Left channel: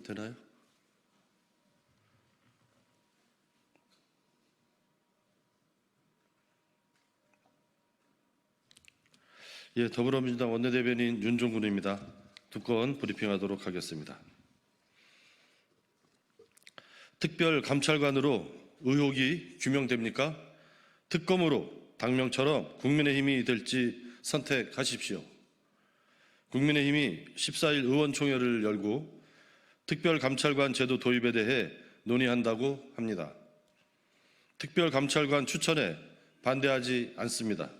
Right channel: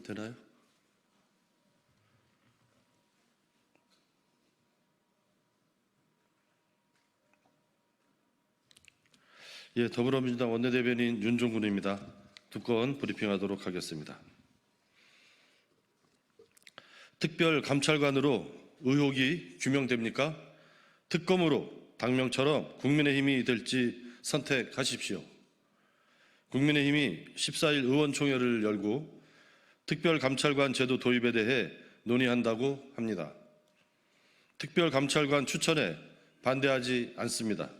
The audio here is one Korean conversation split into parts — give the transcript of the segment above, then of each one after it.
되나요? 예, 더불어민주당 원내대변인 윤종군입니다. 두 건 브리핑하도록 하겠습니다. 특별감찰관으로 의혹이 규명됩니까? 특검으로 당명처럼 국민의힘이 될지 선택하십시오. 국민의힘이 14일 의원총회를 열고 특별감찰관 제도 도입에 대해 논의한다고 합니다. 특별감찰관 추천에 반대하지 않습니다.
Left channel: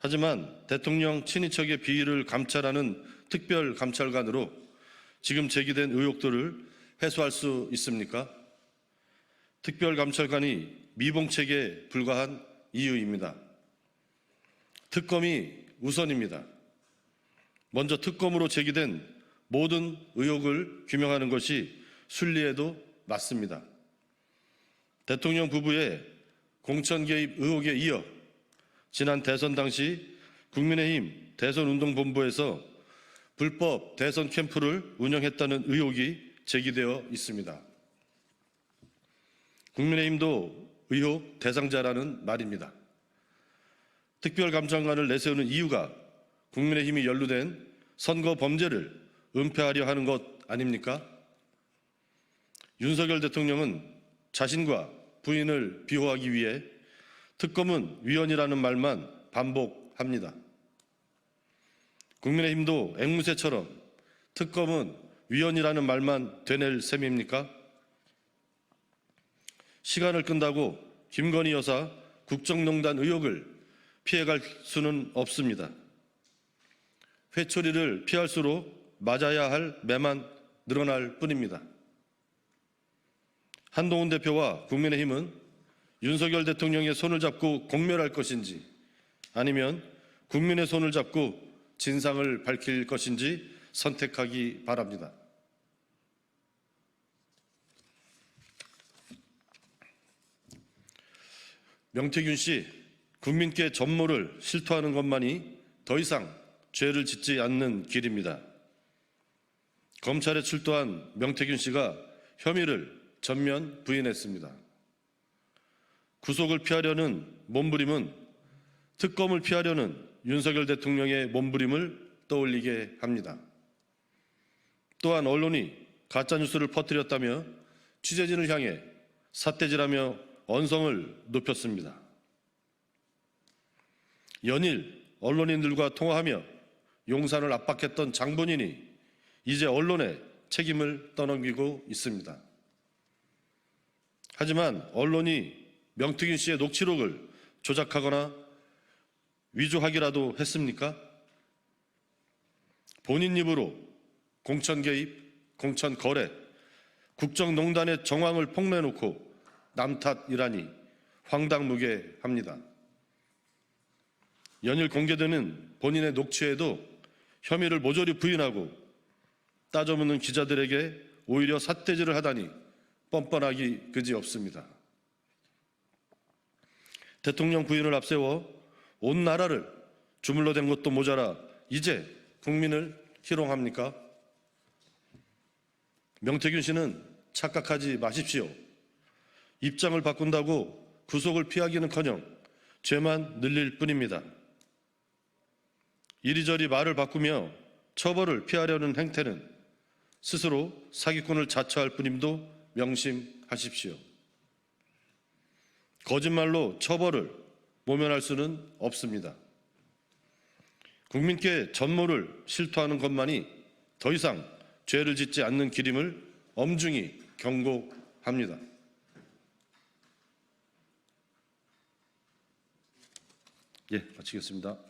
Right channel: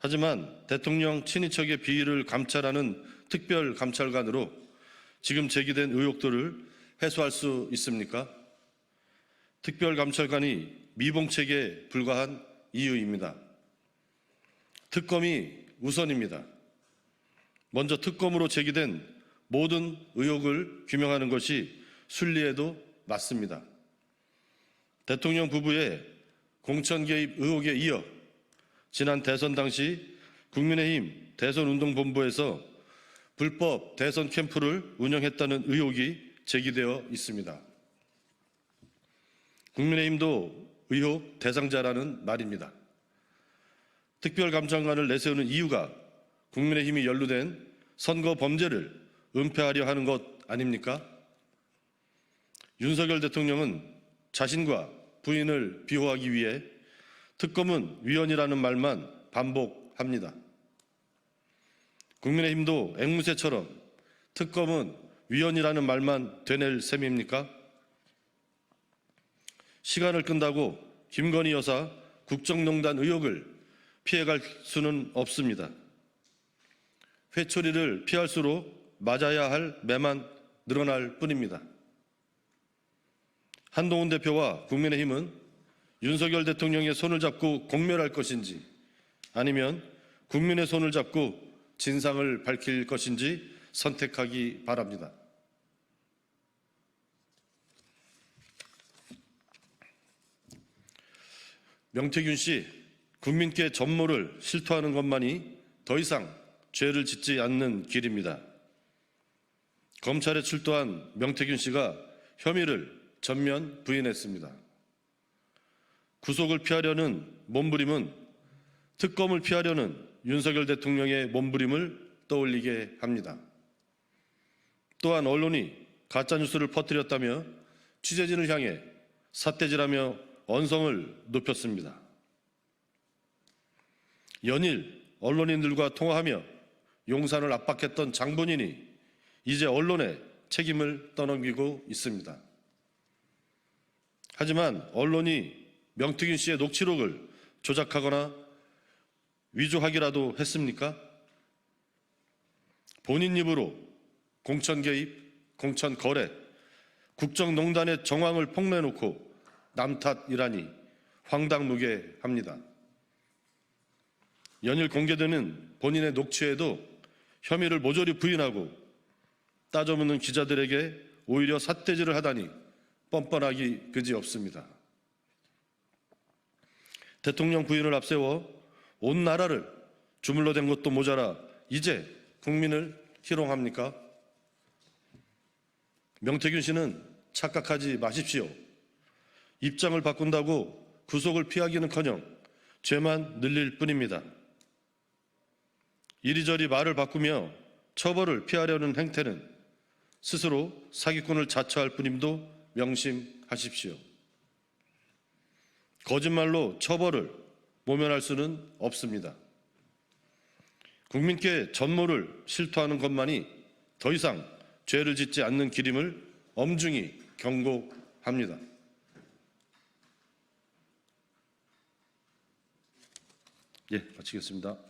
하지만 대통령 친인척의 비위를 감찰하는 특별감찰관으로 지금 제기된 의혹들을 해소할 수 있습니까? 특별감찰관이 미봉책에 불과한 이유입니다. 특검이 우선입니다. 먼저 특검으로 제기된 모든 의혹을 규명하는 것이 순리에도 맞습니다. 대통령 부부의 공천 개입 의혹에 이어 지난 대선 당시 국민의힘 대선운동본부에서 불법 대선 캠프를 운영했다는 의혹이 제기되어 있습니다. 국민의힘도 의혹 대상자라는 말입니다. 특별감찰관을 내세우는 이유가 국민의힘이 연루된 선거 범죄를 은폐하려 하는 것 아닙니까? 윤석열 대통령은 자신과 부인을 비호하기 위해 특검은 위헌이라는 말만 반복합니다. 국민의힘도 앵무새처럼 특검은 위헌이라는 말만 되낼 셈입니까? 시간을 끈다고 김건희 여사 국정농단 의혹을 피해갈 수는 없습니다. 회초리를 피할수록 맞아야 할 매만 늘어날 뿐입니다. 한동훈 대표와 국민의힘은 윤석열 대통령의 손을 잡고 공멸할 것인지 아니면 국민의 손을 잡고 진상을 밝힐 것인지 선택하기 바랍니다. 명태균 씨, 국민께 전모를 실토하는 것만이 더 이상 죄를 짓지 않는 길입니다. 검찰에 출두한 명태균 씨가 혐의를 전면 부인했습니다. 구속을 피하려는 몸부림은 특검을 피하려는 윤석열 대통령의 몸부림을 떠올리게 합니다. 또한 언론이 가짜뉴스를 퍼뜨렸다며 취재진을 향해 삿대질하며 언성을 높였습니다. 연일 언론인들과 통화하며 용산을 압박했던 장본인이 이제 언론에 책임을 떠넘기고 있습니다. 하지만 언론이 명태균 씨의 녹취록을 조작하거나 위조하기라도 했습니까? 본인 입으로 공천 개입, 공천 거래, 국정농단의 정황을 폭로해놓고 남탓이라니 황당무계합니다. 연일 공개되는 본인의 녹취에도 혐의를 모조리 부인하고 따져묻는 기자들에게 오히려 삿대질을 하다니 뻔뻔하기 그지없습니다. 대통령 부인을 앞세워 온 나라를 주물러 댄 것도 모자라 이제 국민을 희롱합니까? 명태균 씨는 착각하지 마십시오. 입장을 바꾼다고 구속을 피하기는커녕 죄만 늘릴 뿐입니다. 이리저리 말을 바꾸며 처벌을 피하려는 행태는 스스로 사기꾼을 자처할 뿐임도 명심하십시오. 거짓말로 처벌을 모면할 수는 없습니다. 국민께 전모를 실토하는 것만이 더 이상 죄를 짓지 않는 길임을 엄중히 경고합니다. 예, 마치겠습니다.